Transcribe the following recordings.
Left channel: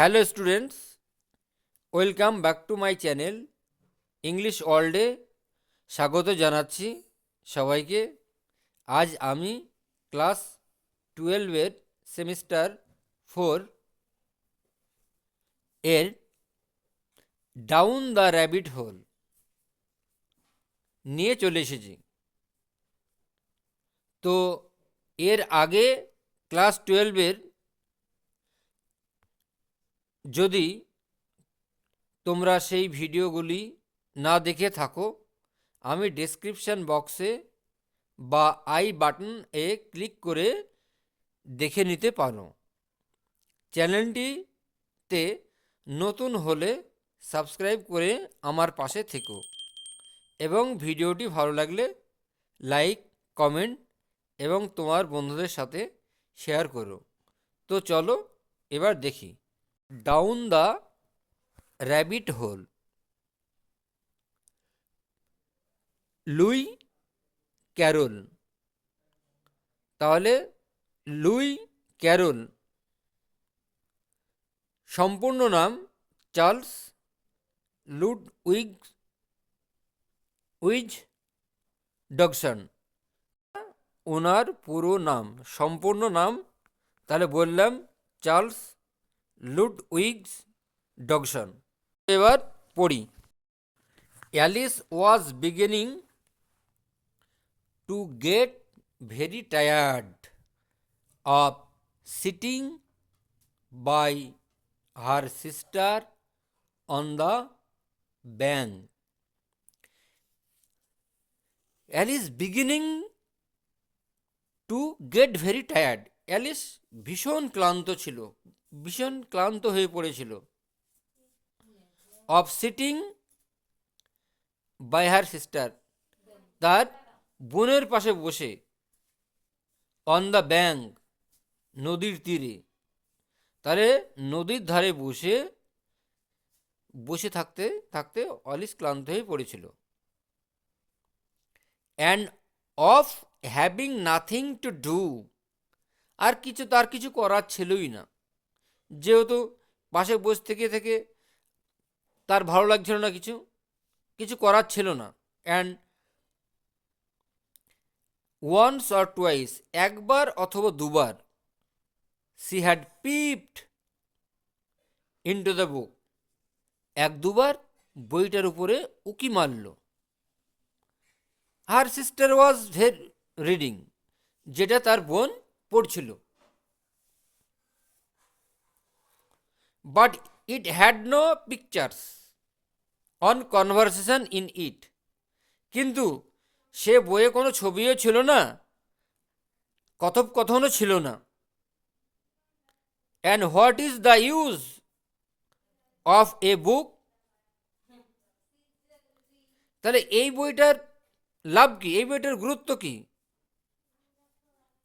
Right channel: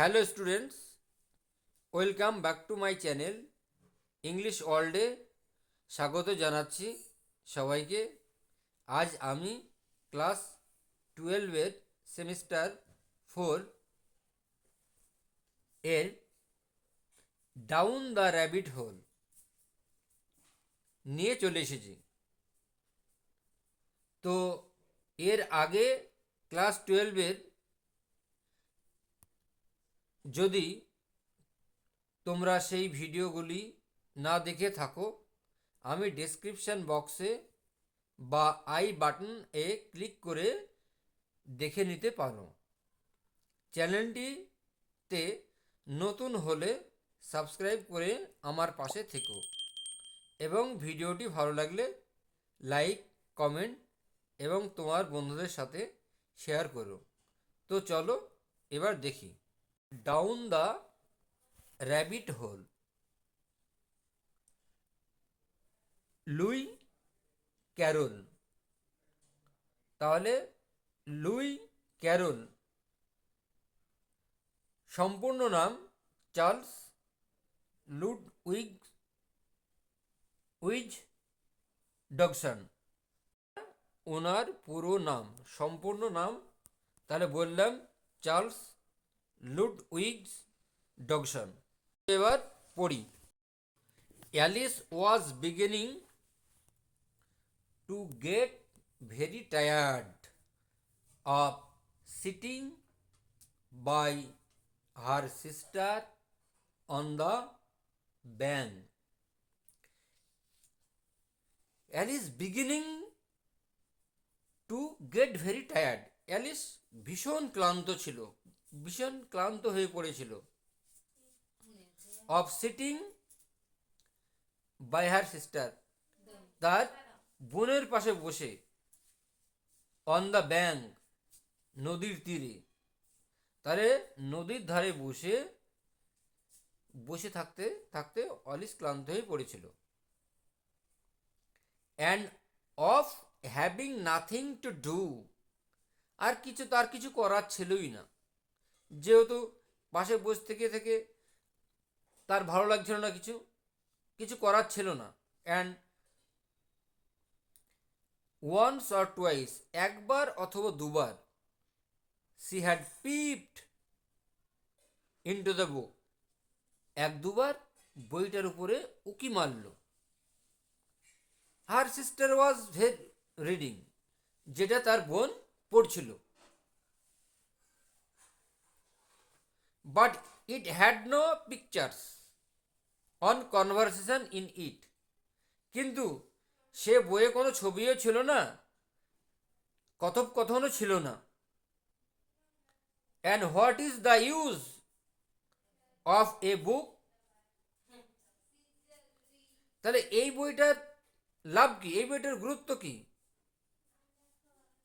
Hello students, welcome back to my channel English ওয়ার্ল্ডে স্বাগত জানাচ্ছি সবাইকে। আজ আমি ক্লাস 12-এর সেমিস্টার 4 এর ডাউন দ্য র্যাবিট হোল নিয়ে চলে এসেছি। তো এর আগে ক্লাস 12-এর যদি তোমরা সেই ভিডিওগুলি না দেখে থাকো, আমি ডেসক্রিপশান বক্সে বা আই বাটন এ ক্লিক করে দেখে নিতে পারো। চ্যানেলটিতে নতুন হলে সাবস্ক্রাইব করে আমার পাশে থেকো এবং ভিডিওটি ভালো লাগলে লাইক, কমেন্ট এবং তোমার বন্ধুদের সাথে শেয়ার করো। তো চলো এবার দেখি down the rabbit hole. Lewis Carroll. তাহলে লুই ক্যারল সম্পূর্ণ নাম চার্লস লুডউইজ ডগসন। ওনার পুরো নাম, সম্পূর্ণ নাম তাহলে বললাম চার্লস লুডউইজ ডগসন। এবার পড়ি। Alice was beginning to get very tired of sitting by her sister on the bank. Alice beginning to get very tired. Alice ভীষণ ক্লান্ত হয়ে পড়েছিল। Of sitting by her sister, তার বোনের পাশে বসে, অন দ্য ব্যাঙ্ক, নদীর তীরে। তাহলে নদীর ধারে বসে থাকতে থাকতে অলিস ক্লান্ত হয়ে পড়েছিল। And of having nothing to do, আর তার কিছু করার ছিলই না, যেহেতু পাশে বসে থেকে থেকে তার ভালো লাগছিল না, কিছু করার ছিল না। অ্যান্ড ওয়ান্স অর টুয়াইস, একবার অথবা দুবার, she had পিপড into the book, এক দুবার বইটার উপরে উকি মারল। হার সিস্টার ওয়াজ রিডিং, যেটা তার বোন পড়ছিল। But it had no pictures on conversation in it, কিন্তু সে বইয়ে কোনো ছবিও ছিল না, কথোপকথনও ছিল না। And what is the use of a book, তাহলে এই বইটার লাভ কি, এই বইটার গুরুত্ব কি,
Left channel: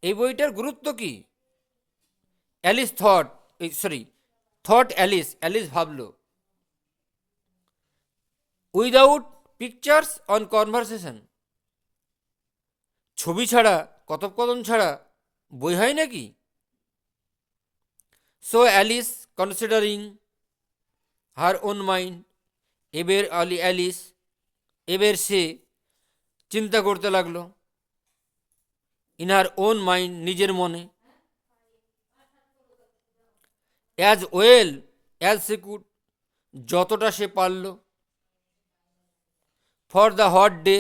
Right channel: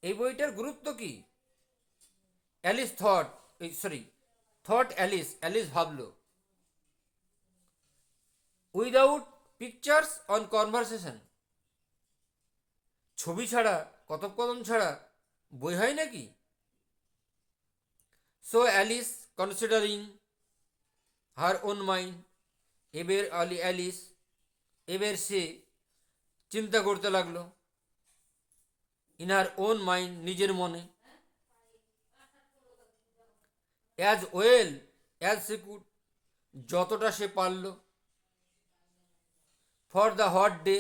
এই বইটার গুরুত্ব কি? অ্যালিস থট অ্যালিস ভাবল। উইদাউট পিকচার্স অন কনভারসেশন, ছবি ছাড়া, কথোপকথন ছাড়া বই হয় নাকি? So Alice considering her own mind, এবার সে চিন্তা করতে লাগলো। ইন হার ওন মাইন্ড, নিজের মনে। As well as say could, যতটা সে পারল। ফর দ্য হট ডে,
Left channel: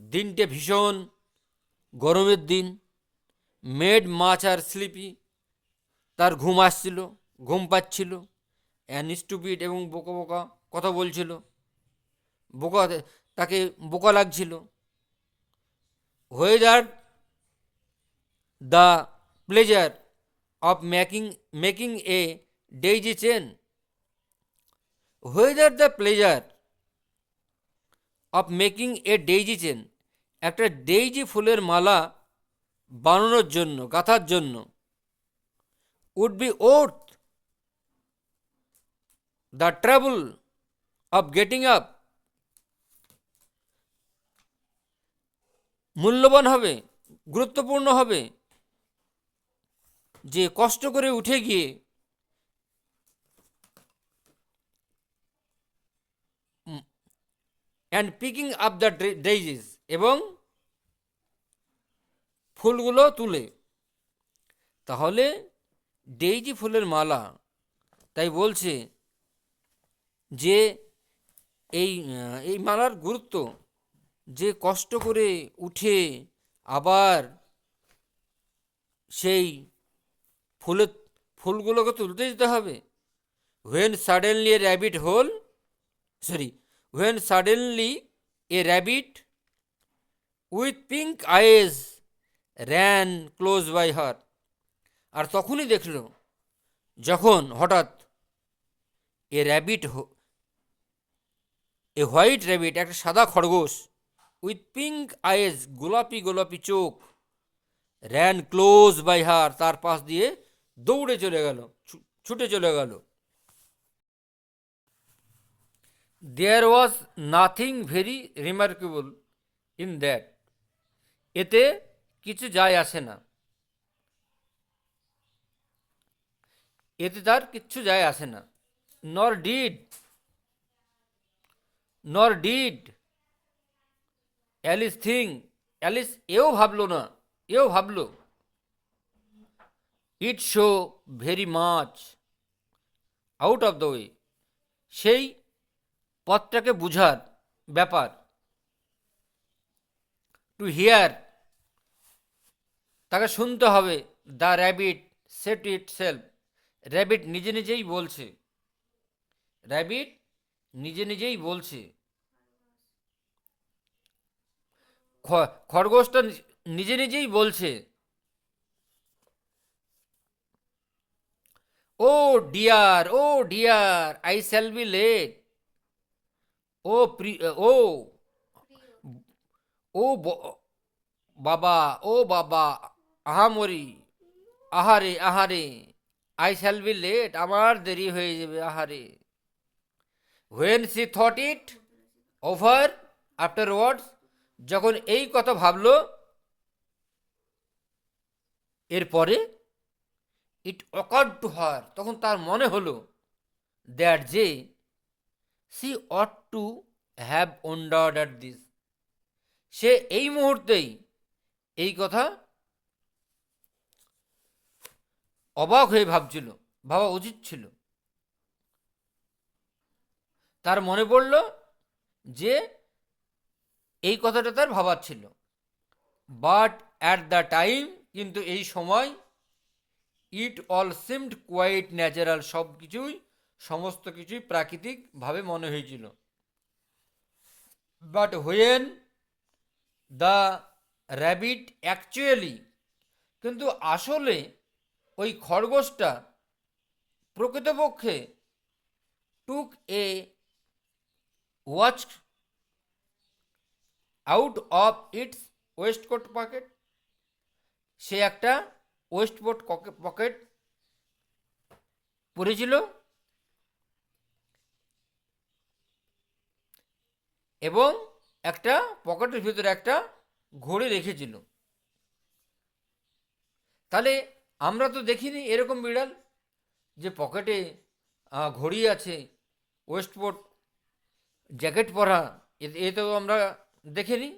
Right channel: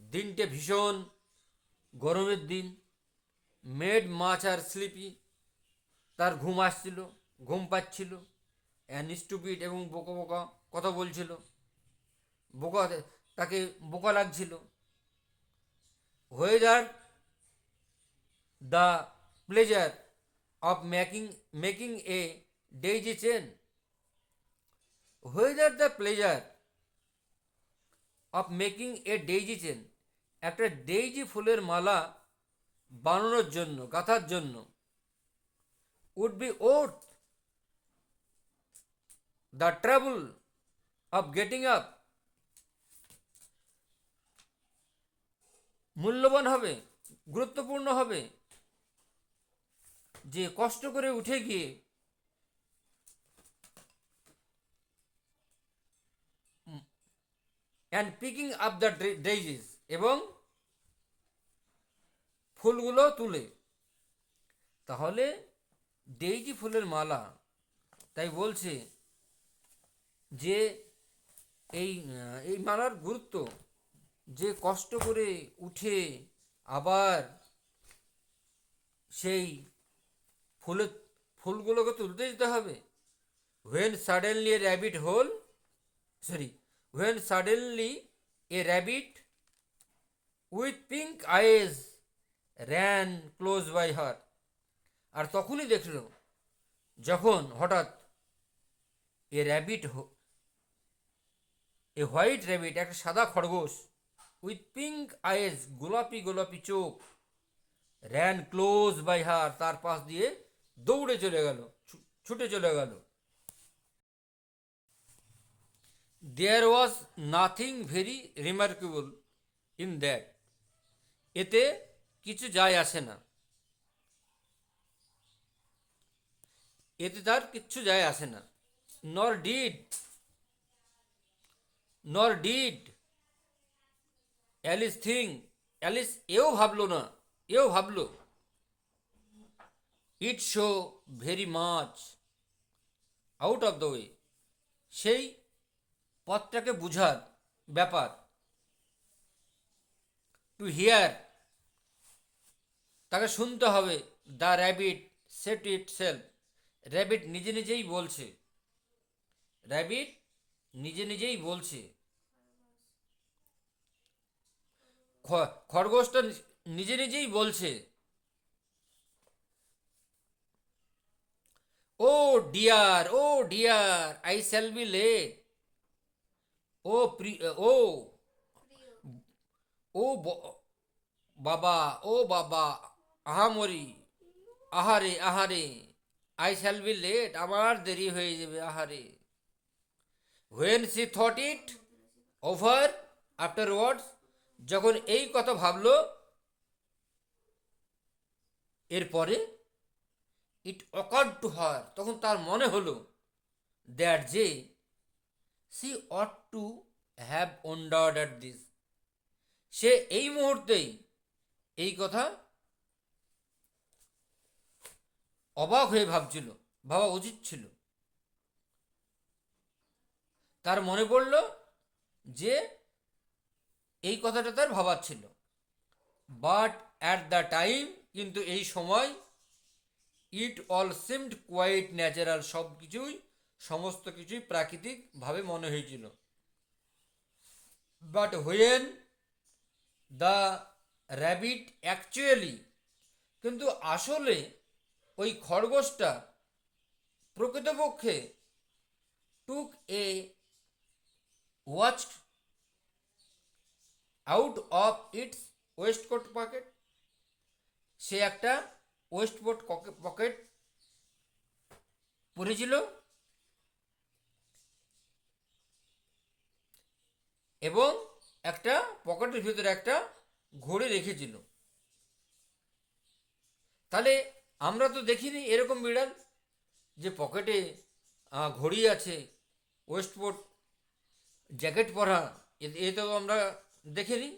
দিনটে ভীষণ গরমের দিন। মেড মাছ আর স্লিপি, তার ঘুম পাচ্ছিল। অ্যান্ড স্টুপিড, এবং বোকা বোকা কথা বলছিল, তাকে বোকা লাগছিল। Whether the pleasure of making a daisy chain, whether the pleasure of making a daisy chain, একটা ডেইজি ফুলের মালা বানানোর জন্য, গাঁথার জন্য, would be worth the trouble of getting up, মূল্যবান হবে, গুরুত্বপূর্ণ হবে, যে কষ্ট করে উঠে গিয়ে and picking up the daisies, এবং ফুলগুলো তুলে। তাহলে ডেইজি ফুলের মালা, তাই বলছে যে এই মালার গুরুত্ব, যে কষ্ট করে উঠে আবার সেই ফুলের ফুলগুলোকে তুলতে যেতে হবে। When suddenly a rabbit hole sorry when suddenly a rabbit with pink eyes ran close by her. আর তখনই দেখল, যখন হঠাৎ a rabbit a white rabbit, একটা সাদা খরগোশ, উইথ পিঙ্ক আইজ, গোলাপি গোলাপি চোখ, র্যান ক্লোজ বাই হার, তার পাশ দিয়ে দৌড়ে চলে গেল, ছুটে চলে গেল। There was nothing very remarkable in that, এতে কিছু যায় আসে না, এতে তার কিচ্ছু যায় আসে না। নর ডিড অ্যালিস থিং, অ্যালিস এও ভাবলো it so very much out of the way, সেই পথটাকে বুঝার ব্যাপার। টু হিয়ার, তাকে শুনতে হবে। The rabbit set itself, rabbit নিজে নিজেই বলছে, খরগোশটা নিজে নিজেই বলছে, oh dear I shall be late, ও ও ও বাবা, আহামরি, আহারে, আই শ্যাল বি লেট, আমার দেরি হয়ে যাবে, আহারে। When she thought it over afterwards, যখন এই কথা ভাবলো এরপরে, ইট অকার্ড টু হার, তখন তার মনে হলো দ্যাট যে she ought to have wondered at this, সে এই মুহূর্তেই এই কথা অবাক হয়ে ভাবা উচিত ছিল। তার মনে পড়ল যে এই কথাটা তার ভাবার ছিল। বাট অ্যাট দ্য টাইম, কিন্তু এই সময়, it all seemed quite natural, সমস্ত কিছুই প্রাকৃতিকভাবে মনে হয়েছিল। But when the rabbit actually, কিন্তু আসলে ওই খরগোশটা প্রকৃতপক্ষে took a watch out of its waistcoat pocket, সে একটা ওয়েস্টকোট পকেট পরেছিল এবং একটা পকেটের ভিতরে একটা ঘড়ি রেখেছিল। তাহলে আমরা তো দেখিনি এরকম বিড়াল যে পকেটে ঘড়ি আছে, ওয়েস্টকোট জ্যাকেট পরা, এ তো আমরা দেখিনি।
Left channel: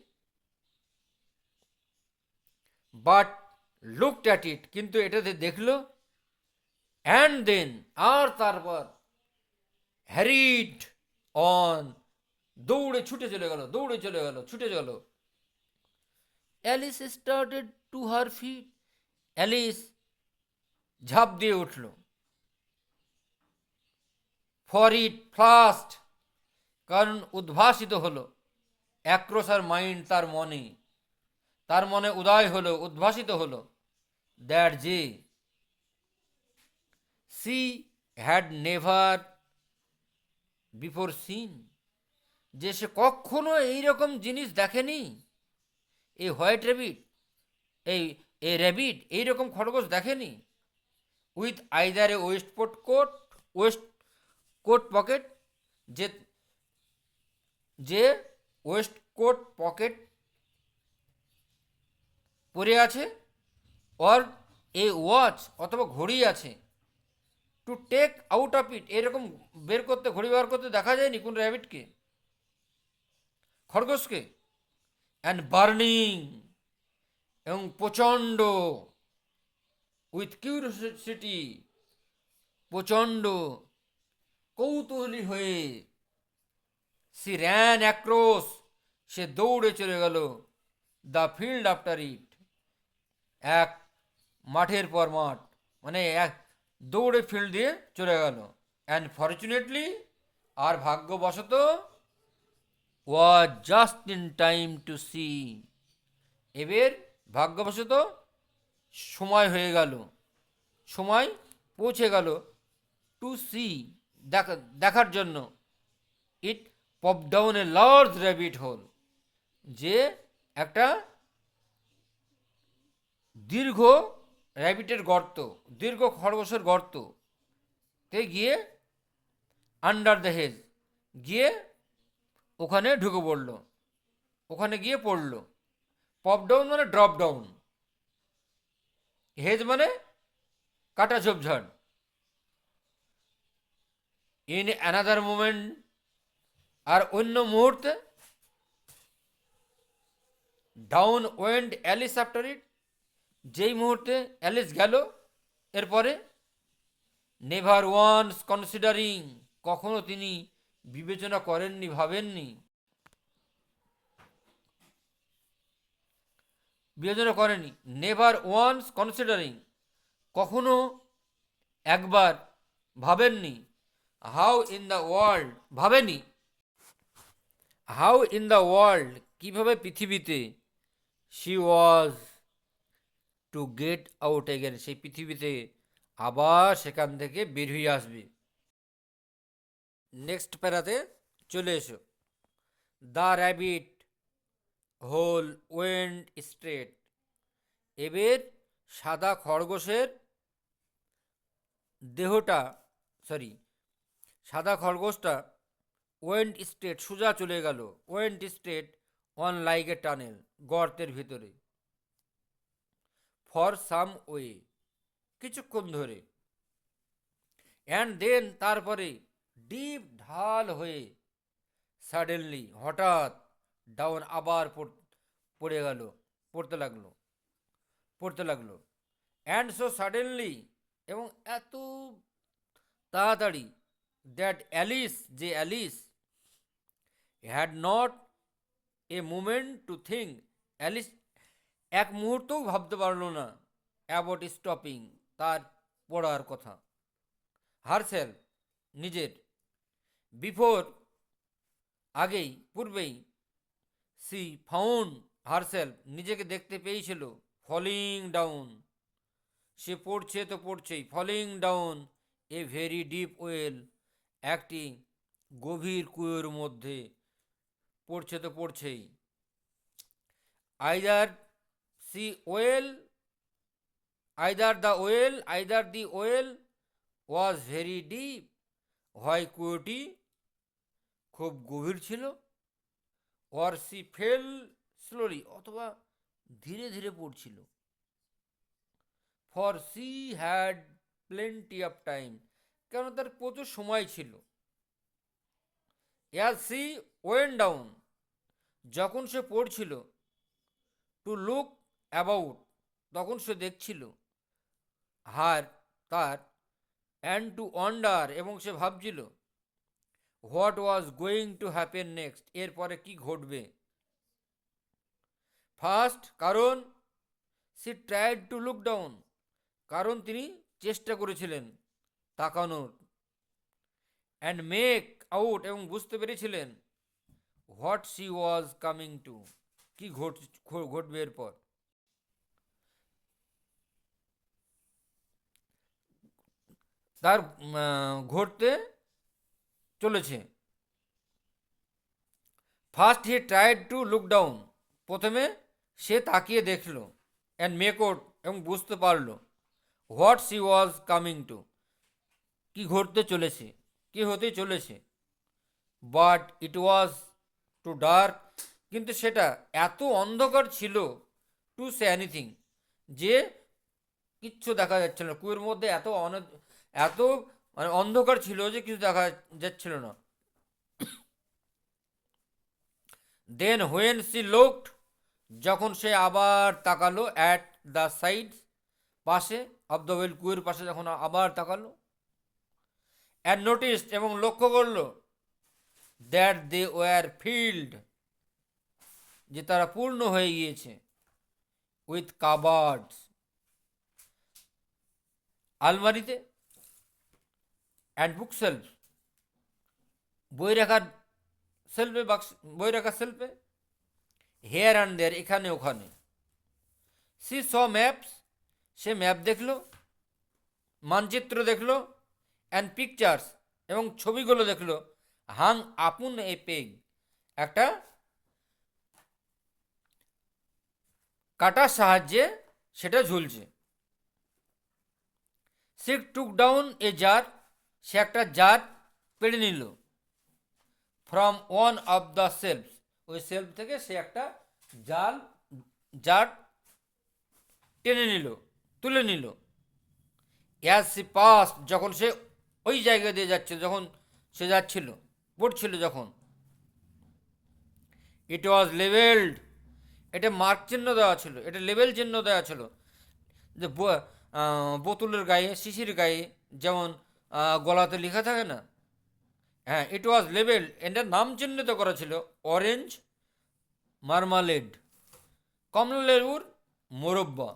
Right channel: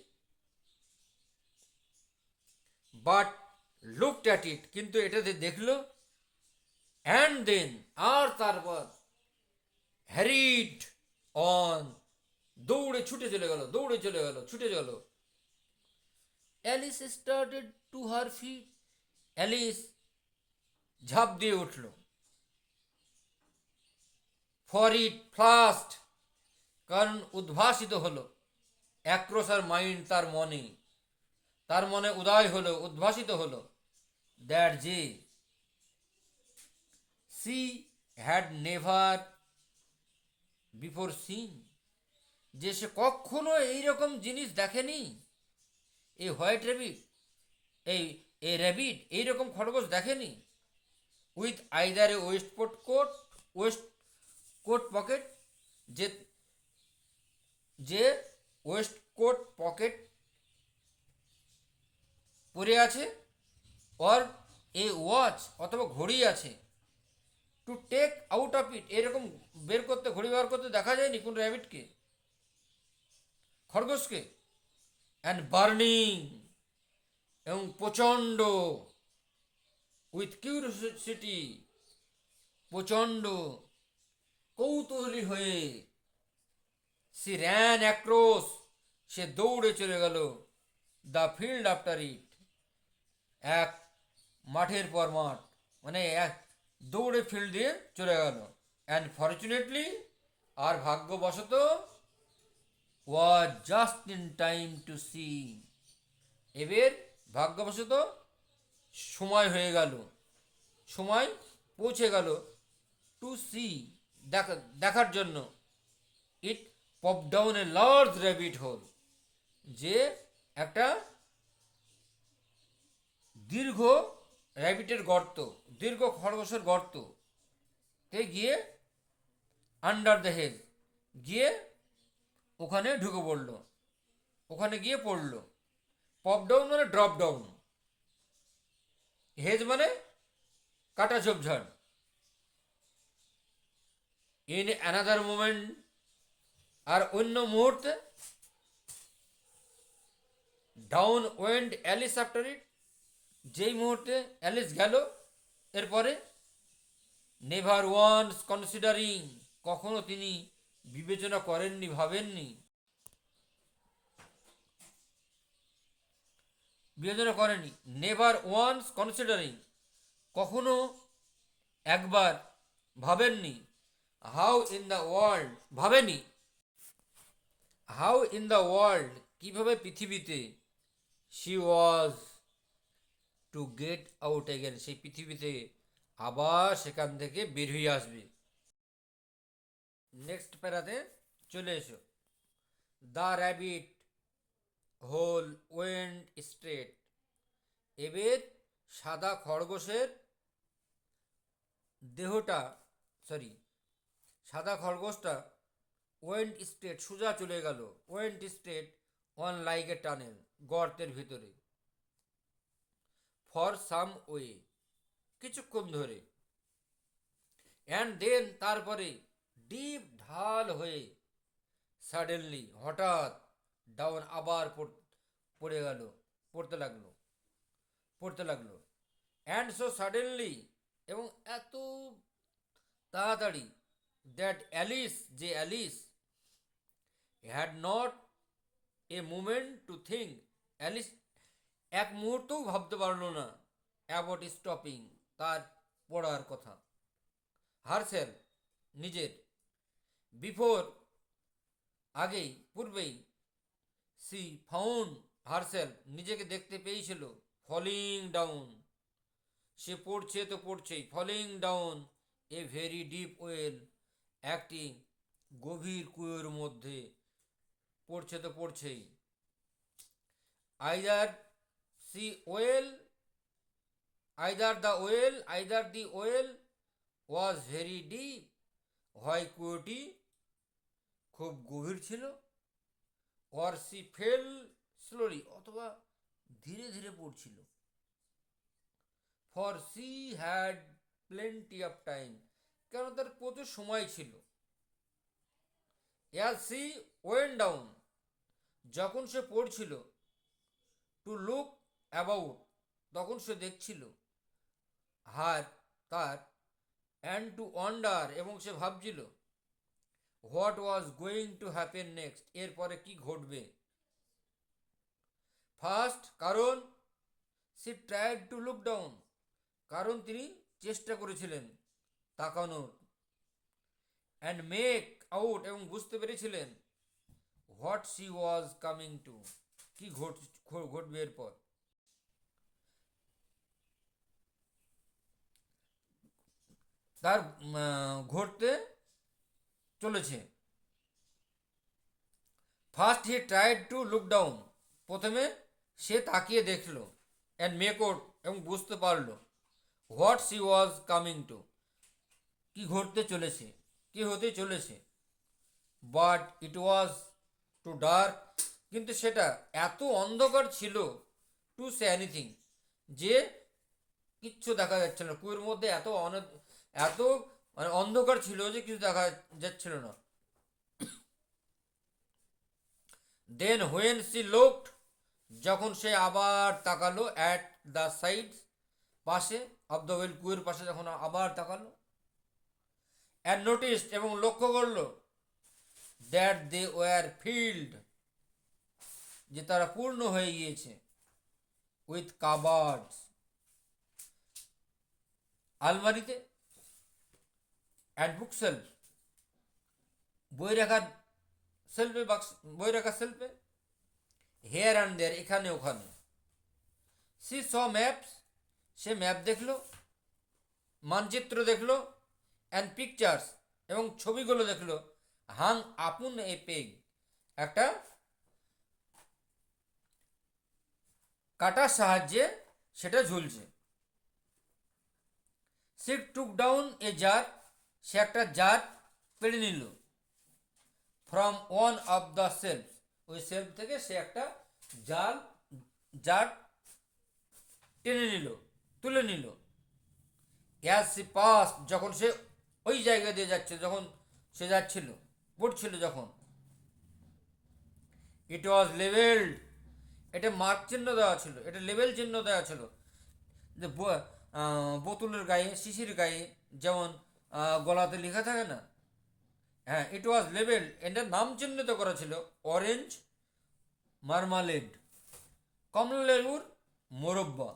বাট লুকড অ্যাট ইট, কিন্তু এটাতে দেখলো, অ্যান্ড দেন, আর তারপর, হ্যারিড অন, দৌড়ে ছুটে গেল। Alice started to her feet, Alice ঝাঁপ দিয়ে উঠল। ফর ইট ফার্স্ট, কারণ উদ্ভাসিত হলো, অ্যাক্রস আর মাইন্ড, তার মনে উদ্ভাসিত হলো, দ্যাট যে she had never before seen, যে সে কখনো এইরকম জিনিস দেখেনি। এই হোয়াইট র্যাবিট, এই র্যাবিট এইরকম খরগোশ দেখেনি। With either a waist pocket, যে ওয়েস্টকোট পকেট পরে আছে, অর এ ওয়াচ, অথবা ঘড়ি আছে, to take out of it, এরকম ঘড়ি বার করতে দেখা যায়নি কোন র্যাবিটকে। খরগোশকে, অ্যান্ড বার্নিং, এবং প্রচণ্ড, উইথ কিউরিওসিটি, প্রচণ্ড কৌতূহলী হয়ে, সি র্যান অ্যাক্রস, সে দৌড়ে চলে গেল, দ্য ফিল্ড আফটার ইট, এক মাঠের পর মাঠ, মানে এক দৌড়ে ফিল্ড দিয়ে চলে গেল। অ্যান্ড ফর্চুনেটলি, আর ভাগ্যবশত, was just in time to see, এবার ভাগ্যবশত সময় হয়ে গেল, সময় পৌঁছে গেল, টু সি, দেখার জন্য, it pop down a large rabbit hole, যে একটা দীর্ঘ র্যাবিটের গর্ত, দীর্ঘ খরগোশের গর্ত তে গিয়ে, আন্ডার দ্য হেজ, গিয়ে ওখানে ঢুকে পড়লো, ওখানে গিয়ে পড়লো। পপ ডাউন মানে ড্রপ ডাউন, হেজ মানে কাটা ঝোপঝাড়। ইন অ্যানাদার মোমেন্ট, আর অন্য মুহূর্তে, ডাউন ওয়েন্ড অ্যালিস আফটার ইট, যেই মুহূর্তে অ্যালিস গেল এরপরে, নেভার ওয়ান্স কনসিডারিং, কখনো তিনি বিবেচনা করেননি, ভাবেননি, বিবেচনা করেনি, নেভার ওয়ান্স কনসিডারিং, কখনো একবার ভাবেননি, হাউ ইন দ্য ওয়ার্ল্ড, ভাবেনি, হাউ ইন দ্য ওয়ার্ল্ড, কীভাবে পৃথিবীতে, she was to get out again, সেই পৃথিবীতে আবার সেখান থেকে বের হয়ে আসবে। নেক্সট প্যারাতে চলে এসো। দ্য র্যাবিট হোল ওয়েন্ড স্ট্রেট, এবার সাদা খরগোশের দেহটা, সরি, সাদা খরগোশটা ওয়েন্ড স্ট্রেট, সোজা চলে গেল, went straight on like a tunnel, গর্তের ভিতরে, ফর সাম ওয়ে, কিছুক্ষণ ধরে, অ্যান্ড দেন, তারপরে, ডিপ, ঢাল হয়ে, সাডেনলি, হঠাৎ, ডাউন, আবার পড়ে গেল, পড়তে লাগলো, পড়তে লাগলো, অ্যান্ড সো সাডেনলি, এবং এত তাড়াতাড়ি, দ্যাট অ্যালিস, যে Alice, had not a moment to think, Alice এক মুহূর্তও ভাবতে পারলো না, অ্যাবাউট স্টপিং, তার পড়ার কথা, হারসেল, নিজের, বিফোর, আগেই, পূর্বেই, সি ফাউন্ড হারসেলফ, নিজেকে দেখতে পেয়েছিল, ফলিং ডাউন, সে পড়ছে তো পড়ছেই, falling down a very deep well, একটি গভীর কুয়োর মধ্যে, পড়ছে তো পড়ছেই, either she well, either the well was very deep, হয় কুয়োটি খুব গভীর ছিল, অর সি ফেল স্লোলি, অথবা ধীরে ধীরে পড়ছিল, for she had plenty of time, কেন তার প্রচুর সময় ছিল, অ্যাজ সি ওয়েন ডাউন, যখন সে পড়ছিল, টু লুক অ্যাবাউট, তখন সে দেখছিল, হার, তার, অ্যান্ড টু ওয়ান্ডার, এবং সে ভাবছিল, what was going to happen next, এরপরে কি ঘটবে। ফার্স্ট, কারণ, she tried to look down, কারণ তিনি চেষ্টা করেছিলেন তাকানোর, অ্যান্ড মেক আউট, এবং বুঝতে পেরেছিলেন, what she was coming to, কি ঘটবে এরপর, তার ঘটতে চলেছে। First he tried to look down, প্রথমে সে তাকিয়ে দেখলো, অ্যান্ড মেক আউট, এবং বুঝতে পারলো, what she was coming to, কি ঘটতে চলেছে, কি হতে চলেছে, but it was too dark, কিন্তু সেটা এত অন্ধকার ছিল, টু সে এনিথিং, যে কিচ্ছু দেখা যাচ্ছিল না, কুয়োর মধ্যে এত মানে অন্ধকার ছিল যে কিছু দেখা যাচ্ছিল না। দেন হোয়েন সি লুকড, যখন সে আবার তাকালো, অ্যাট দ্য সাইড, পাশে অফ দ্য ওয়েল, কুয়ের পাশে যখন আবার তাকালো, অ্যান্ড নোটিসড, এবং লক্ষ্য করলো, দ্যাট দে ওয়ার ফিল্ড, যে তারা পূর্ণ হয়ে গিয়েছে, উইথ কাবার্ডস, আলমারিতে, অ্যান্ড বুক সেলফ, বই রাখার সেলফে, বাক্স, বই রাখার সেলফে, হেয়ার অ্যান্ড দেয়ার, এখানে ওখানে। সি স ম্যাপস, সে ম্যাপ দেখলো, মানচিত্র দেখলো, অ্যান্ড পিকচার্স, এবং ছবিগুলো দেখলো, হাং আপন এ পেগ, একটা কাটার সাহায্যে সেটা ঝুলছে। She took down a jar, সে একটা জার পেড়ে নিল, from one of the shelf, ওই সেলফ থেকে সে একটা জার টেনে নিল, তুলে নিল। অ্যাজ সি পাস, যখন সে ওই জায়গা দিয়ে যাচ্ছে, যখন সে যাচ্ছিল, পড়ছিল যখন, ইট ওয়াজ লেভেলড, এটা মার্ক চিহ্ন দেওয়া ছিল, এটা লেভেল চিহ্ন দেওয়া ছিল, যে বোতলের গায়ে, শিশির গায়ে যেমন গলাতে লেখা থাকে না, হ্যাঁ, ইট ওয়াজ লেভেল, এটার নাম চিহ্নিত করা ছিল, অরেঞ্জ মার্মালেড, কমলা লেবুর মোরব্বা।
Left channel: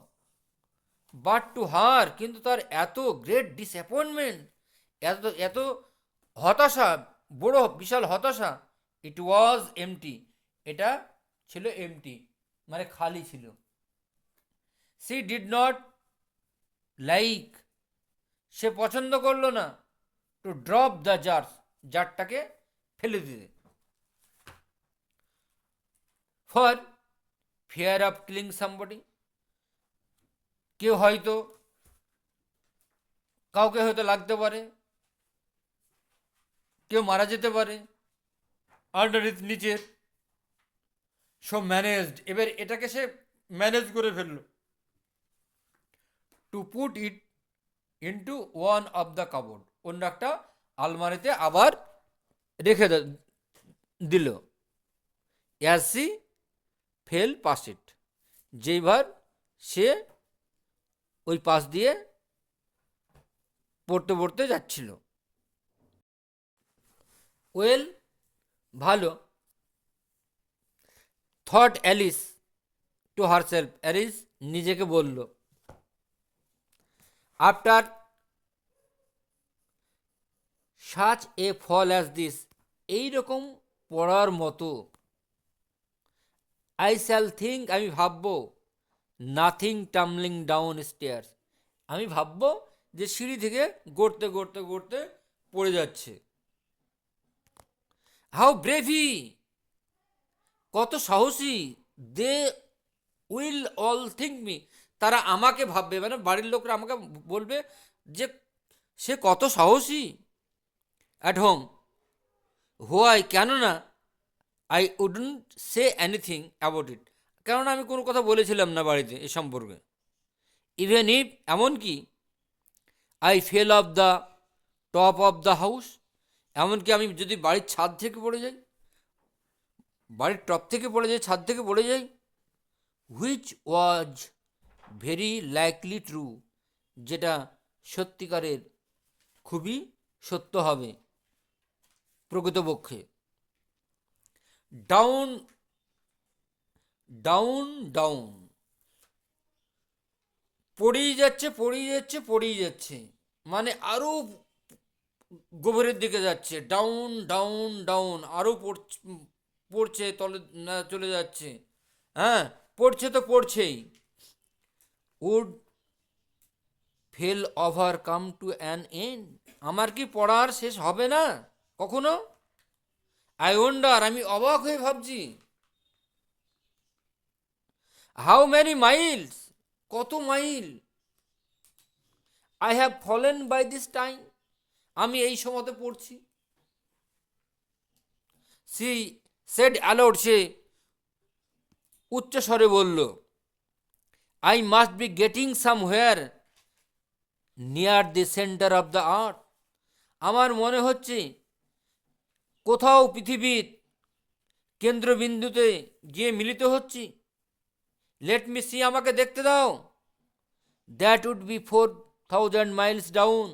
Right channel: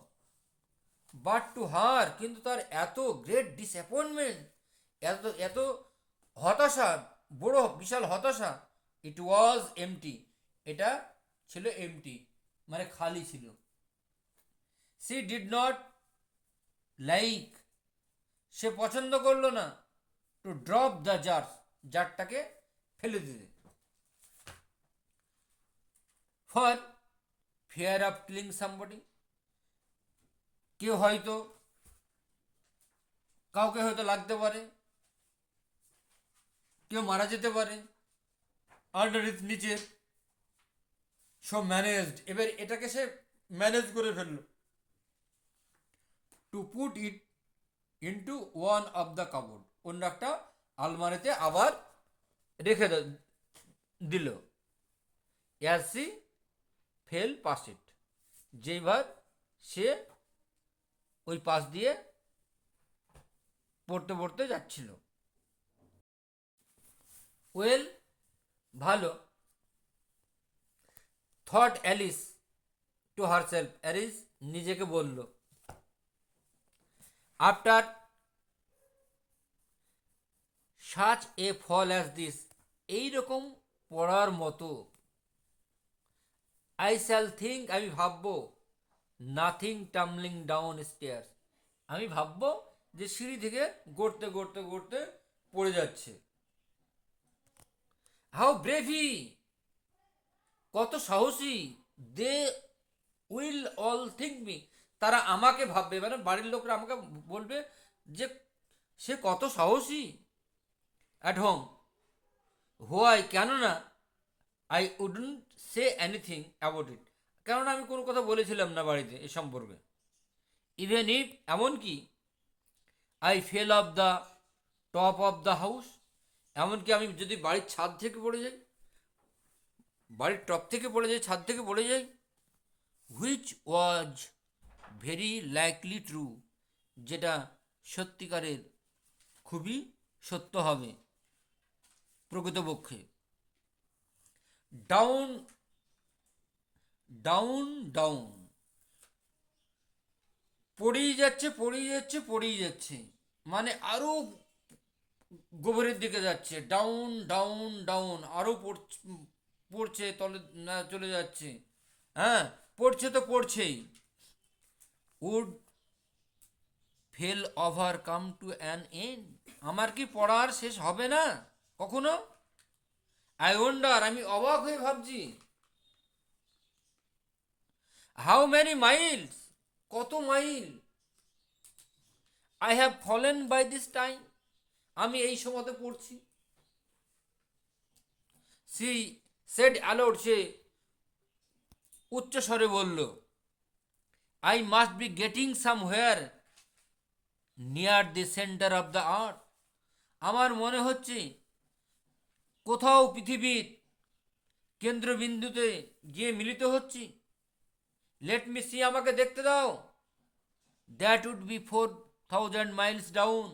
বাট টু হার, কিন্তু তার এত গ্রেট ডিসঅ্যাপয়েন্টমেন্ট, এত এত হতাশা, বড় বিশাল হতাশা, ইট ওয়াজ এমটি, এটা ছিল এমটি, মানে খালি ছিল। সি ডিড নট লাইক, সে পছন্দ করলো না, টু ড্রপ দ্য জারটাকে ফেলে দিতে, for fear of killing somebody, কেউ হয়তো, কাউকে হয়তো লাগতে পারে, কেউ মারা যেতে পারে, আন্ডারনিথ, নিচের। সো ম্যানেজড, এবার এটাকে সে ম্যানেজ করে ফেললো, to put it into one of the cupboard, অন্য একটা আলমারিতে আবার রেখে দিল। As she fell past it, যেইবার সে ওই পাশ দিয়ে পড়তে পড়তে যাচ্ছিল। ওয়েল, ভালো, থট অ্যালিস টু হারসেলফ, অ্যালিস নিজেকে বলল, after such a fall as this, এইরকম পড়ার মতো, আই শ্যাল থিঙ্ক, আমি ভাববো, নাথিং টামলিং ডাউন স্টেয়ার্স, আমি ভাববো যে সিঁড়ি থেকে গড়তে গড়তে গড়তে পড়ে যাচ্ছে। হাউ ব্রেভি, কত সাহসী, they will all think me, তারা আমাকে ভাববে, মানে বাড়ির লোকরা আমাকে বলবে যে সে কত সাহসী। অ্যাট হোম, হোয়াই, কেননা, I wouldn't say anything about it, কেননা আমি কোনো কথা বলেছিলাম না বাড়িতে এ সম্পর্কে। ইভেন ইফ, এমনকি, I fail of the top of the house, এমনকি আমি যদি বাড়ির ছাদ থেকে পড়ে যাই, বাড়ির টপ থেকে পড়ে যাই, ছাদ থেকে পড়ে যাই, which was very likely true, যেটা সত্যিকারের খুবই সত্য হবে প্রকৃতপক্ষে। ডাউন ডাউন ডাউন, পড়েই যাচ্ছে পড়েই যাচ্ছে পড়েই যাচ্ছে, মানে আরো গভীরের দিকে যাচ্ছে, ডাউন ডাউন ডাউন, আরো পড়ছে তলে, চলে যাচ্ছে, হ্যাঁ, পড়ছে তো পড়ছেই। Would fell over come to an end, আমার কি পড়ার শেষ হবে না কখনো? আই ওয়ান্ডার, আমি অবাক হয়ে ভাবছি, হাউ মেনি মাইলস, কত mile, I have fallen by this time, আমি এই সময়তে পড়ছি। সি সেড অ্যালাউড, সে উচ্চ স্বরে বলল, I must be getting somewhere near the centre of the earth, আমার মনে হচ্ছে কোথাও পৃথিবীর কেন্দ্রবিন্দুতে গিয়ে মিলিত হচ্ছি। লেট মি সি, আমাকে দেখতে দাও। That would be 4000 miles down,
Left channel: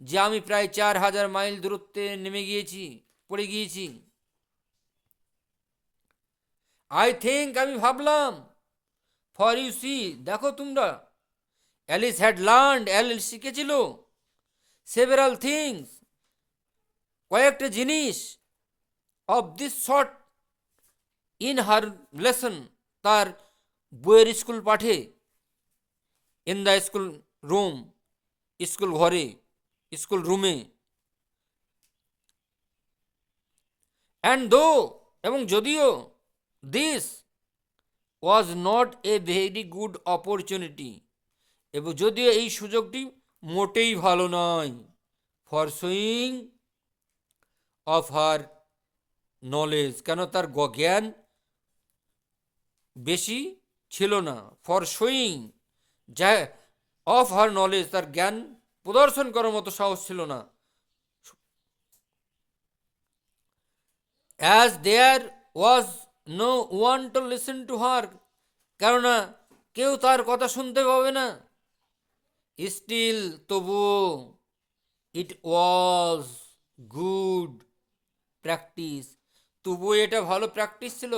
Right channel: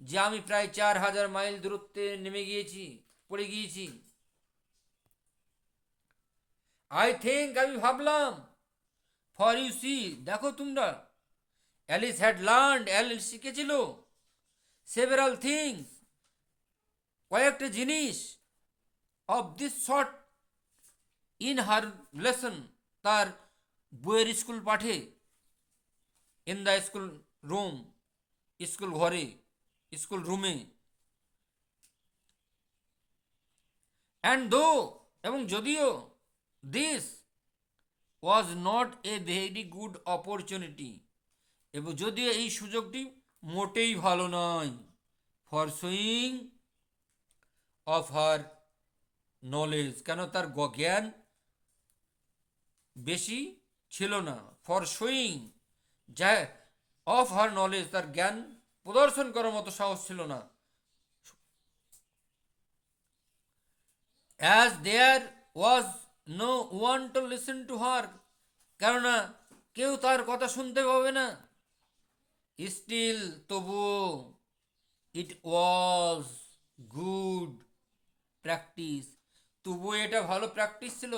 যে আমি প্রায় 4000 মাইল দূরত্বে নেমে গিয়েছি, পড়ে গিয়েছি। আই থিঙ্ক, আমি ভাবলাম। ফর ইউ সি, দেখো তোমরা। অ্যালিস হ্যাড লার্নড, অ্যালিস শিখেছিল। সেভারাল থিংস, কয়েকটা জিনিস। Of this sort in her lesson, তার বইয়ের স্কুল পাঠে। In the school room, school ঘরে, স্কুল রুমে। অ্যান্ড দো, এবং যদিও, this was not a very good opportunity, এবং যদিও এই সুযোগটি মোটেই ভালো নয়। For showing off her knowledge, কেন তার জ্ঞান বেশি ছিল না। ফর শোয়িং, যা অফ হার নলেজ, তার জ্ঞান প্রদর্শন করার মতো সাহস ছিল না। As there was no one to listen to her, কেননা কেউ তার কথা শুনতে পাবে না। স্টিল, তবুও, ইট ওয়াজ গুড প্র্যাকটিস, তবুও এটা ভালো প্র্যাকটিস ছিল,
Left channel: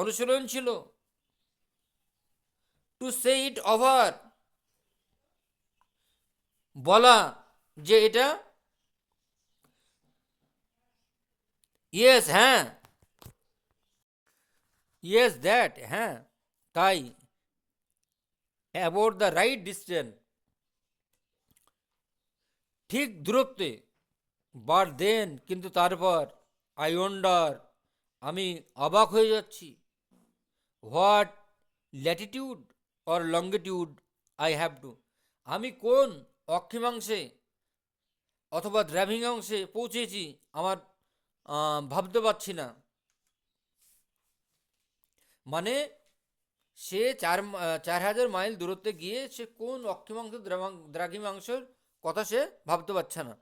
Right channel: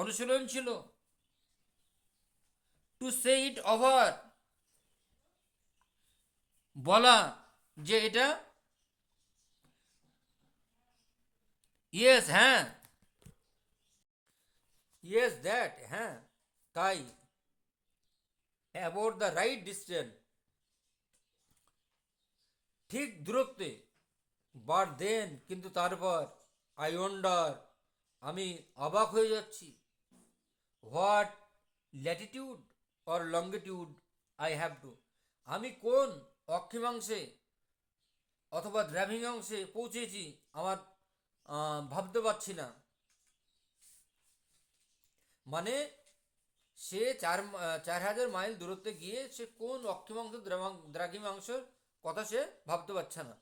অনুশীলন ছিল। টু সে ইট ওভার, বলা যে এটা, ইয়েস, হ্যাঁ, ইয়েস দ্যাট, হ্যাঁ তাই, অ্যাবাউট দ্য রাইট ডিস্টেন্স, ঠিক দূরত্বে। বাট দেন, কিন্তু তারপর, আই ওয়ান্ডার, আমি অবাক হয়ে যাচ্ছি। What Latitude or longitude I have to, আমি কোন অক্ষিমাংশে অথবা দ্রাঘিমাংশে পৌঁছেছি, আমার ভাবতে পারছি না। মানে সে 4000 মাইল দূরত্বে গিয়ে সে কোন অক্ষিমাংশ দ্রাঘিমাংশের কথা সে ভাবতে পারছে না।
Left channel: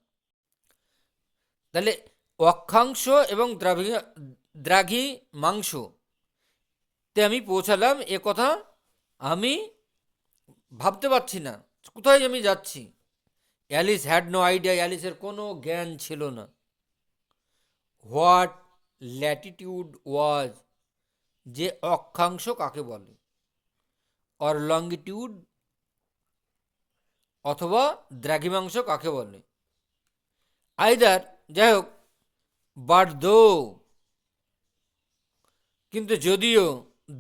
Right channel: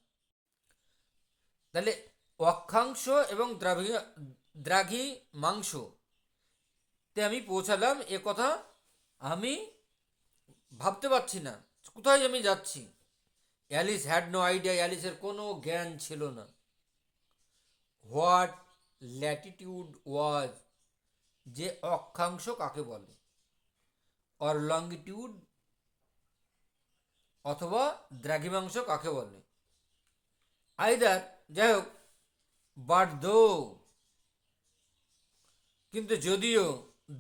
তাহলে অক্ষাংশ এবং দ্রাঘিমাংশ তে আমি পৌঁছালাম, এ কথা আমি ভাবতে পারছি না, কোথায় আমি যাচ্ছি। অ্যালিস হ্যাড নো আইডিয়া, অ্যালিসের কোনো জ্ঞান ছিল না। হোয়াট ল্যাটিটিউড ওয়াজ, যে অক্ষাংশ কাকে বলে। অর লঙ্গিটিউড, অথবা দ্রাঘিমাংশ কাকে বলে। আইদার, যাই হোক, বাট দো, কিন্তু যদিও,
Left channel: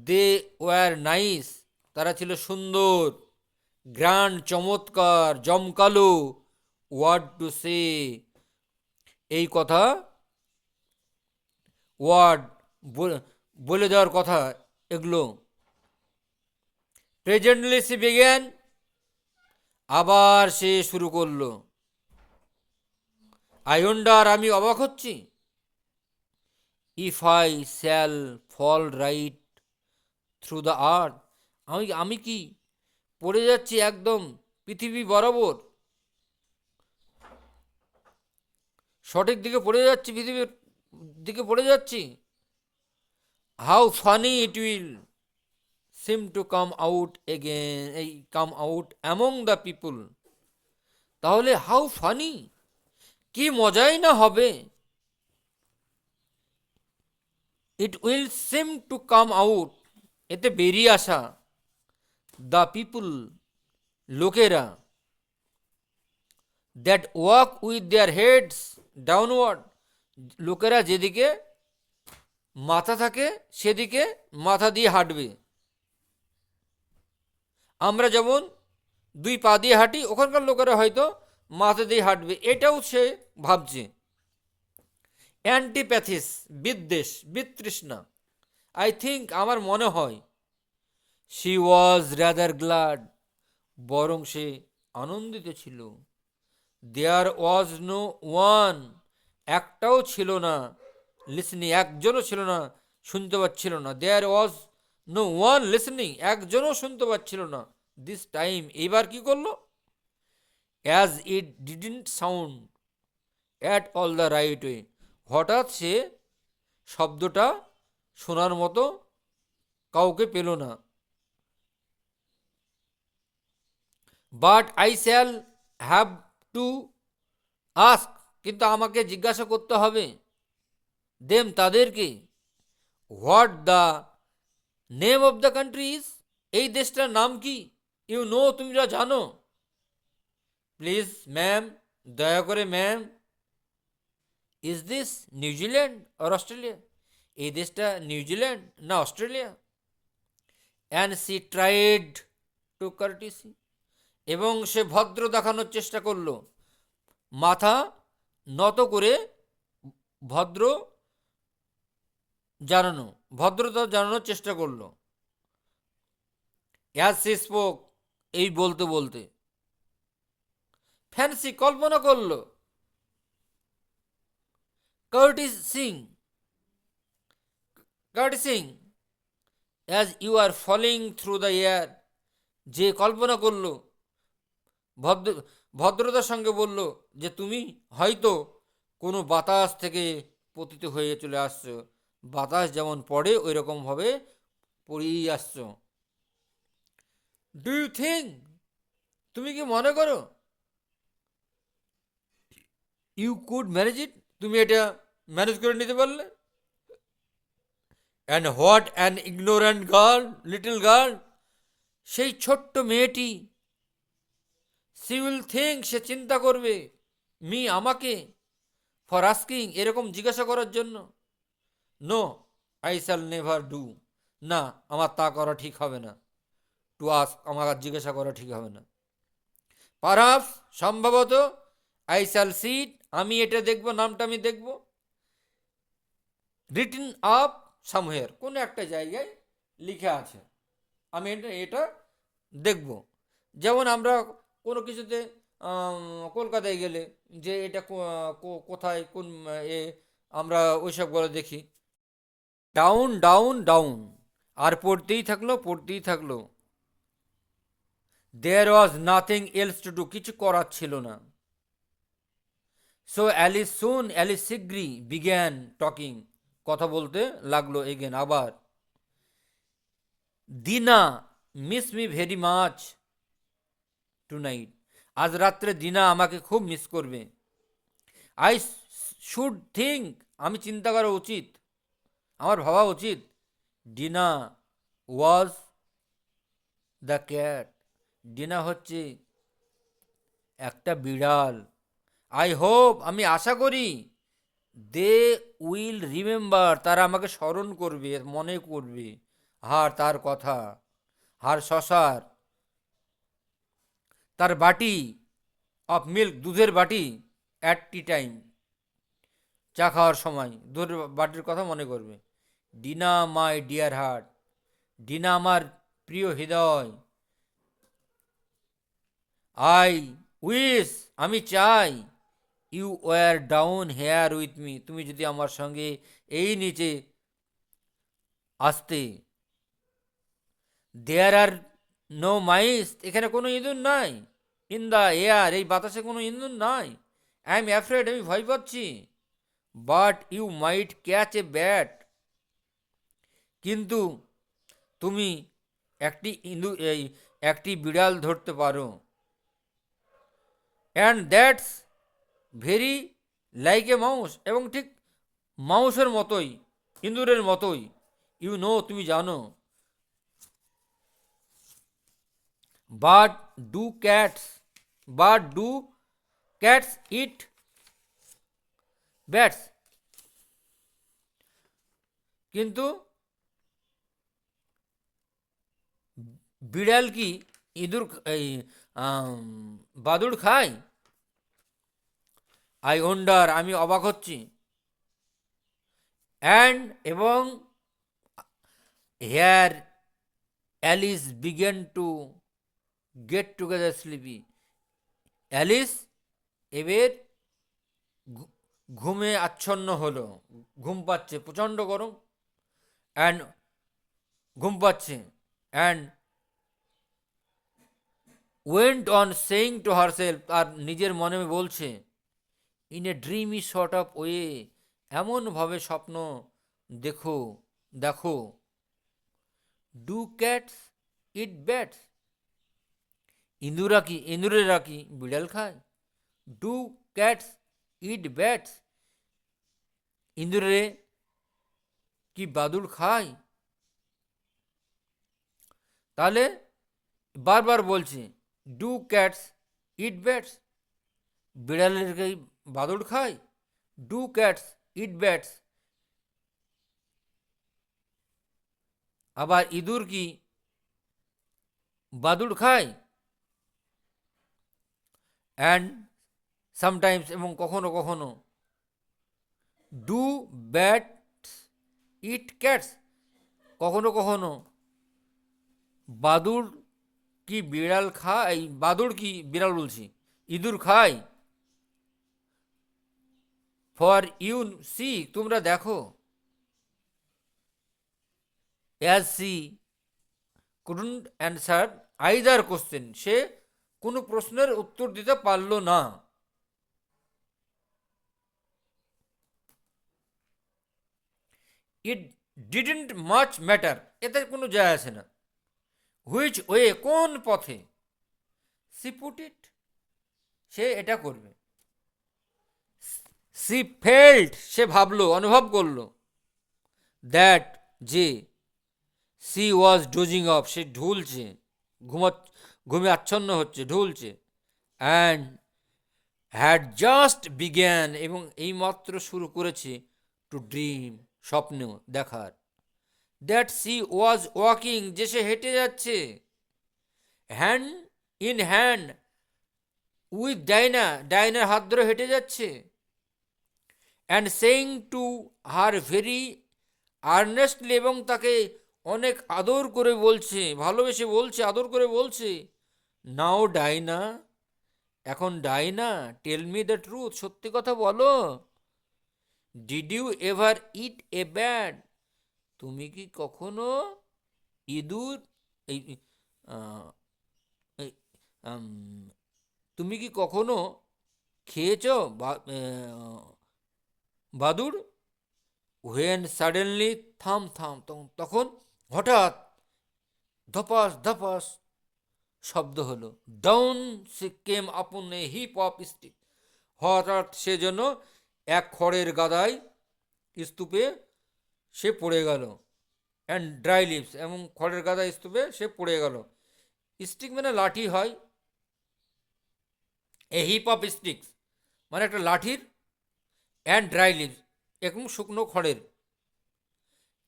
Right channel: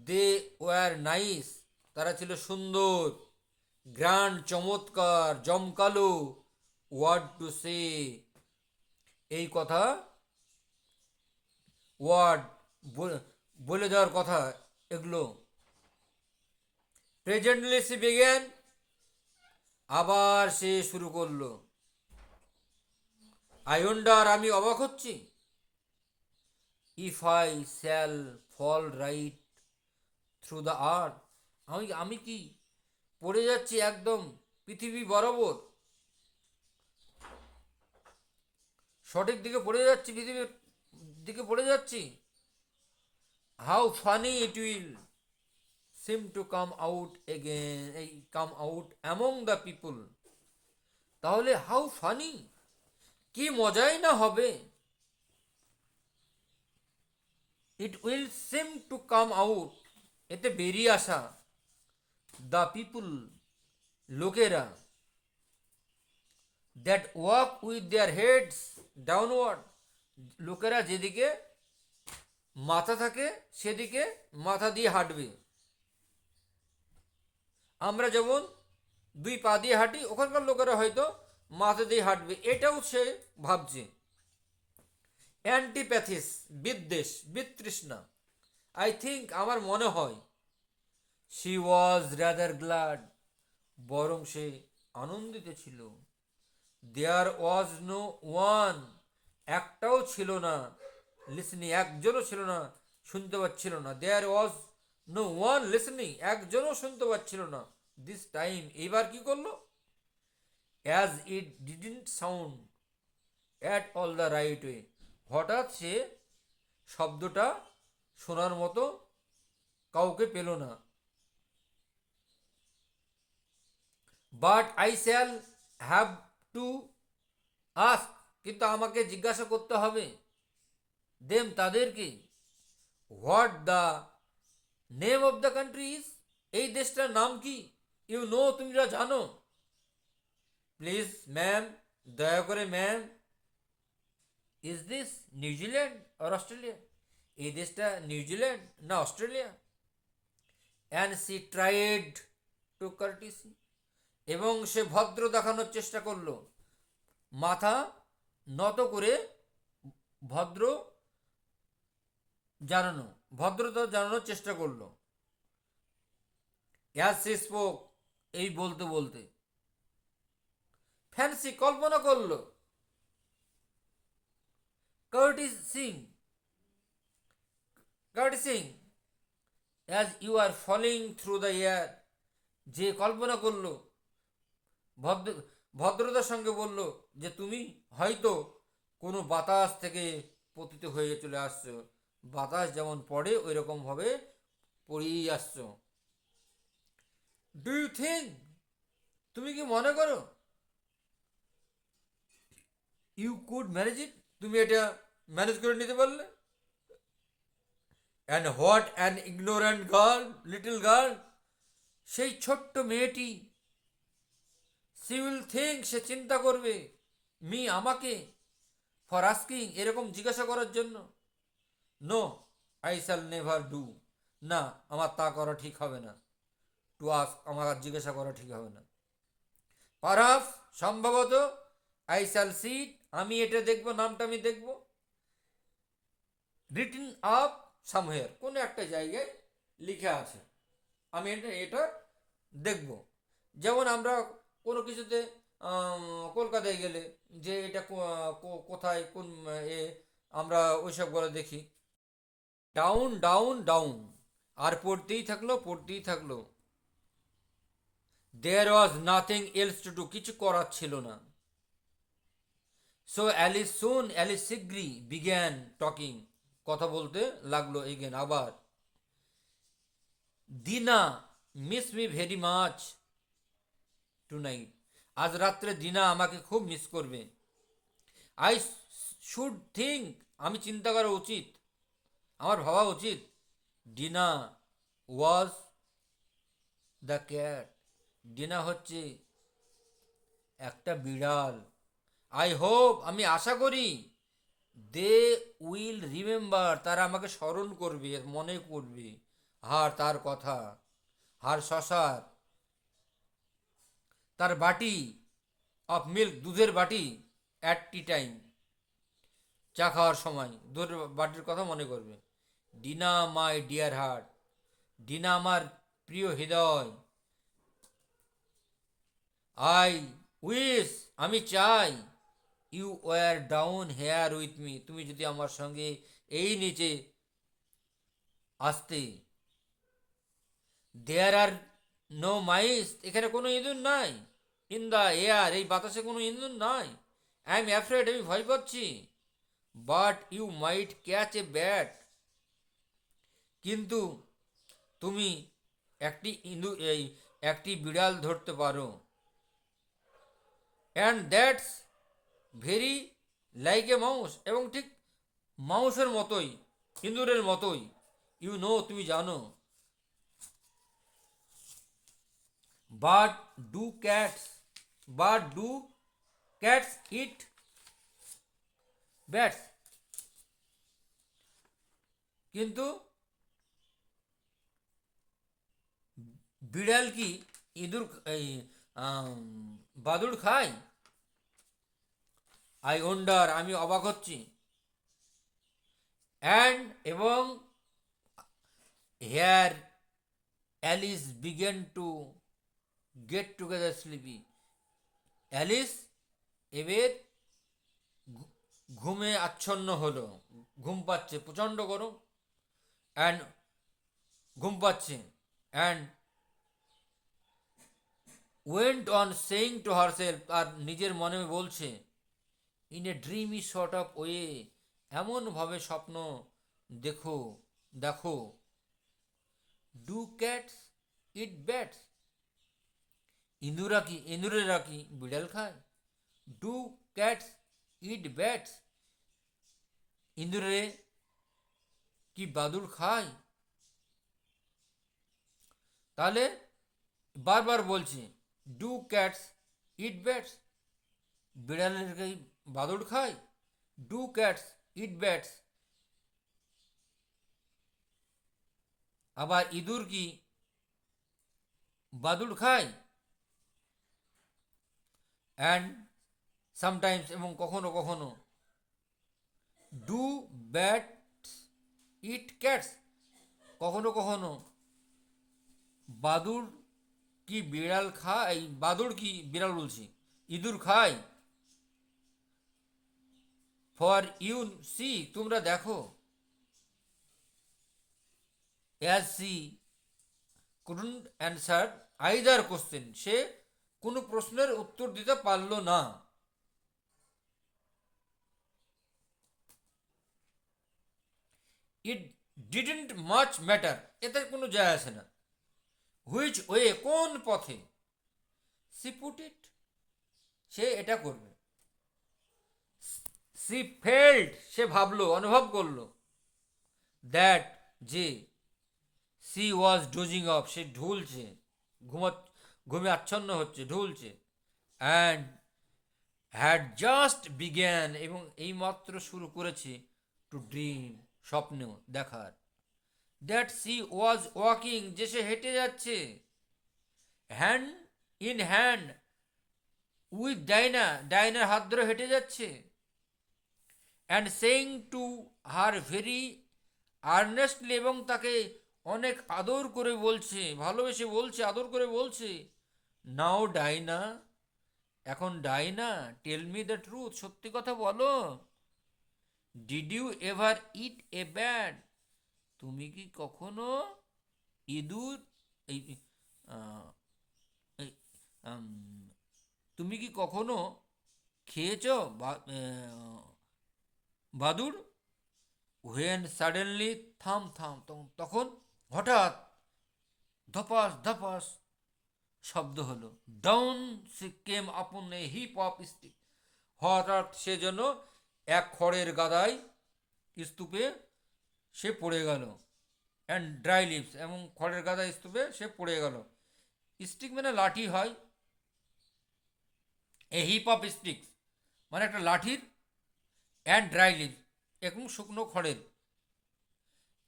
দে ওয়ার নাইস, তারা ছিল সুন্দর, গ্র্যান্ড, চমৎকার, জমকালো, ওয়ার্ড টু সে, এই কথা, ওয়ার্ড, বলে দেওয়ার কথা এগুলো। প্রেজেন্টলি সে বিজ্ঞান, আবার সে শুরু করলো। আই ওয়ান্ডার, আমি অবাক হচ্ছি। If I shall fall right through the earth, আমি কি পড়ে যাচ্ছি একদম পৃথিবী বরাবর, সঠিক দিকে পড়ে যাচ্ছি, পৃথিবীর দিকে পড়ে যাচ্ছি। How funny it will seem to come out again, এই come out among the people, তাহলে হাউ ফানি, কি মজাই না হবে। It will seem to come out, এতে বেরিয়ে আসা। দ্য পিপুল, লোকেরা। That walk with their heads downward, লোকেরা যেদিকে মাথা থাকে সেদিকে মাথা দিয়ে হাঁটবে। আমরা যেমন দুই পা দিয়ে হাঁটি, ওখানকার লোকেরা হয়তো মাথা দিয়ে হাঁটবে, এটাও সে ভাবছে। অ্যান্টিপ্যাথিস, বিদ্বেষ, বিতৃষ্ণা। আই থিঙ্ক, আমার মনে হয়। শি ওয়াজ রাদার গ্ল্যাড, বরং সে আনন্দিত ছিল। দেয়ার ওয়াজ নো ওয়ান, একটাও ছিল না, লিসনিং, একজনও ছিল না, শুনতে পাচ্ছিল না। দেয়ার ওয়াজ নো ওয়ান লিসনিং, একজনও শুনতে পাচ্ছিল না। দিস টাইম, এইবার কি করলো। As it didn't sound at all the right way, হঠাৎ সে শব্দটা শোনার মতো কাউকে পেল না। But I shall have to ask, কিন্তু আমাকে জিজ্ঞাসা করতে হবে, দেম তাদেরকে, what the name of the country is, এই দেশটার নাম কি, ইউ নো, তোমরা জানো, প্লিজ ম্যাম, দয়া করে ma'am, is this New Zealand or Australia, এই দেশটা নিউজিল্যান্ড না Australia. And she tried to curtsy, এবং সে ভদ্র দেখানোর চেষ্টা করলো, মাথা নত করে ভদ্র জানানো, ভদ্রতা জানানোর চেষ্টা করলো। অ্যাজ সি স্পোক, এই বলতে বলতে, ফ্যান্সি কল্পনা করলো, curtseying, curtseying as you are falling through the air, যে কল্পনা করলো, ভদ্র ভদ্রতার সঙ্গে বলল যে তুমি হয়তো কোনো বাতাস থেকে পতিত হয়ে চলে আসছো, বাতাস যেমন পড়ে ওই রকমভাবে পড়েই আসছো। ডু ইউ থিঙ্ক, তুমি কি মনে করো, ইউ কুড ম্যানেজ ইট, তুমি এটা ম্যানেজ করে নিতে পারলে। And what an ignorant girl, little girl, সেই ছোট্ট মেয়েটি, সি উইল থিঙ্ক, সে চিন্তা করবে, মি আমাকে, ফর আস্কিং, এরকম জিজ্ঞাসা করার জন্য, no I shall never do, না আমার তা করা ঠিক হবে না, টু আস্ক, আমার আর জিজ্ঞাসা করা ঠিক হবে না। পারহাপস, সম্ভবত, আই শ্যাল সি ইট, আমি এটা দেখব, নামটা আমি দেখব, রিটেন আপ সামহেয়ার, কোনো একটা জায়গায় লিখা আছে, আমি এটা দেখব। যেমন আমরা কোনো কিছুতে কলকাতায় গেলে যে এটা কোথায় কোন এ, আমরা ওইসব করে দেখি, ডাউন ডাউন ডাউন, আর পড়তেই থাকলো পড়তেই থাকলো। There was nothing else to do, কিছু করার ছিল না। সো অ্যালিস শীঘ্রই বিগ্যান টকিং, কথা বলতে লাগলো এগেন আবার। Dinah miss me very much tonight, আজ রাত্রে দিনা আমাকে খুব মিস করবে। আই শুড থিঙ্ক, আমি চিন্তা করা উচিত, আমার ভাবা উচিত, dinner was the cat, dinner হচ্ছে একটা বিড়াল। আই হোপ, আমি আশা করি, দে উইল রিমেম্বার, তারা আমাকে স্মরণ করবে, মনে করবে, তার কথা, শশার, তার বাটি অফ মিল্ক, দুধের বাটি, অ্যাট টি টাইম, চা খাওয়ার সময় দুধের বাটির কথা মনে করবে। Dinah my dear heart, Dinah আমার প্রিয় হৃদয়। আই উইশ, আমি চাই, you were down here with me, তুমি যদি আমার সঙ্গে এই নিচে আসতে। দেয়ার আর নো মাইস, এখানে কোনো ইঁদুর নাই। ইন দ্য এয়ার, এই বাতাসে কোনো ইঁদুর নাই। আই এম অ্যাফ্রেড, আমি ভয় পাচ্ছি। But you might catch a bat, কিন্তু তুমি একটি বিড়াল ধরতে পারো। And that's very like a mouse, এবং ঠিক মাউসের মতোই, ইঁদুরের মতোই। ইউ নো, তুমি জানো। But do cats, but do cats eat bats, কিন্তু বিড়াল কি ইঁদুর এই বাদুড় খায়? আই ওয়ান্ডার, আমি অবাক হচ্ছি। অ্যান্ড, এবং here Alice began to get together sleepy, Alice এবার ঘুমে আচ্ছন্ন হলো, ঘুম পাচ্ছে, প্রচণ্ড গরম, অ্যান্ড ঘুম পাচ্ছে, and went on saying to herself, আর নিজের মনে বলছে, in a dreamy sort of way, এমনভাবে স্বপ্ন দেখো, দেখো, ডু ক্যাটস ইট ব্যাটস, ইঁদুরেরা কি বিড়াল খায়? ডু ক্যাটস ইট ব্যাটস, ইঁদুরে কি বাদুড় খায়? তাহলে বারবার বলছে, ডু ক্যাটস ইট ব্যাটস, বিড়ালের কি বাদুড় খায়? ডু ক্যাটস ইট ব্যাটস, আবার ইঁদুর কি বাদুড় খায়? অ্যান্ড সামটাইমস, এবং কখনো কখনো, ডু ব্যাটস ইট ক্যাটস, কখনো কখনো বাদুড় কি বিড়াল খায়? বাদুড় কি বিড়াল বলছি, ইঁদুর খায়? ফর ইউ সি, তোমরা দেখো, as she couldn't answer either question, সে কোনো প্রশ্নের উত্তর দিতে পারল না। ইট ডিডন্ট মাচ ম্যাটার, এতে কোনো যায় আসে না। হুইচ ওয়ে, কোন পথে? সি পুট ইট, সে এটা করবে। সি ফেল্ট, সে ভাবলো, অনুভব করলো। দ্যাট, যে। সি ওয়াজ ডোজিং অফ, সে ঢুলছে, ঘুমে আচ্ছন্ন হচ্ছে, ঢুলছে। অ্যান্ড হ্যাড জাস্ট বিগ্যান, এবং এইমাত্র শুরু করেছে, টু ড্রিম, স্বপ্ন দেখার। দ্যাট সি ওয়াজ ওয়াকিং, যে সে হেঁটে যাচ্ছে, hand in hand with Dinah, ডাইনার হাত ধরে হেঁটে যাচ্ছে। And saying to her very earnestly, এবং তাকে অনেক আদর করে বলছে, ভালোবেসে বলছে, আদর করে বলছে, নাও ডাইনা, এখন Dinah, tell me the truth, সত্যি কথা বলো। Did you ever eat a bat, তুমি কি কখনো ইঁদুর, এই আহ, এই, আম, তুমি কি কখনো খেয়েছ বাদুড়? হোয়েন সাডেনলি, থাম থাম, তখন হঠাৎ ধপাস ধপাস শব্দ হলো। ডাউন সে কেম আপন এ হিপ অফ স্টিক, হঠাৎ সে যেন এক খড়ের গাদায়, স্তূপে সে পড়ে গেল। অ্যান্ড ড্রাই লিভস, এবং খড়ের গাদা স্তূপে সে পড়ে গেল। স্টিক মানে লাঠি হয়, এ হিপ অফ স্টিক্স মানে একটা লাঠির, অ্যান্ড ড্রাই লিভস, এবং শুকনো খড়ের।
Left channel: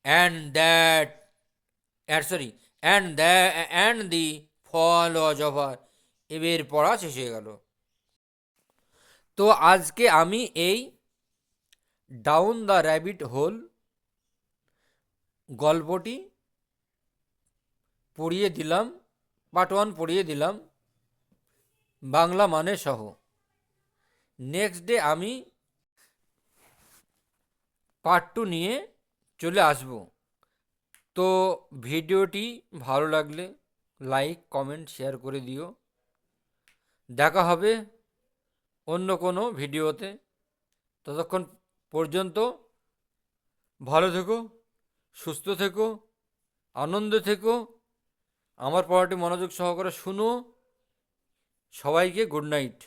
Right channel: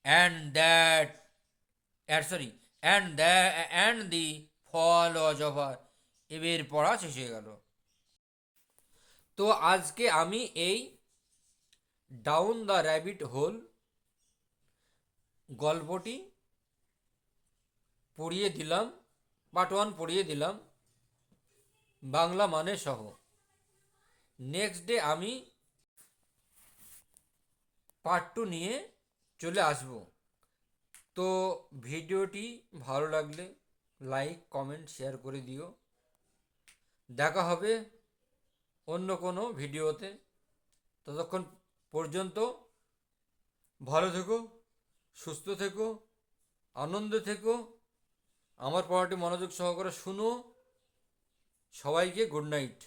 And that, sorry, and the fall was over, এবার পড়া শেষ হয়ে গেল। তো আজকে আমি এই ডাউন দ্য র্যাবিট হোল গল্পটি পড়িয়ে দিলাম, পার্ট 1 পড়িয়ে দিলাম, বাংলা মানে সহ। নেক্সট ডে আমি পার্ট 2 নিয়ে চলে আসব। তো ভিডিওটি ভালো লাগলে লাইক কমেন্ট শেয়ার করে দিও। দেখা হবে অন্য কোনো ভিডিওতে। ততক্ষণ পর্যন্ত ভালো থেকো, সুস্থ থেকো, আনন্দে থেকো, আমার পড়াটি মনোযোগ সহকারে শুনো। সবাইকে গুড নাইট।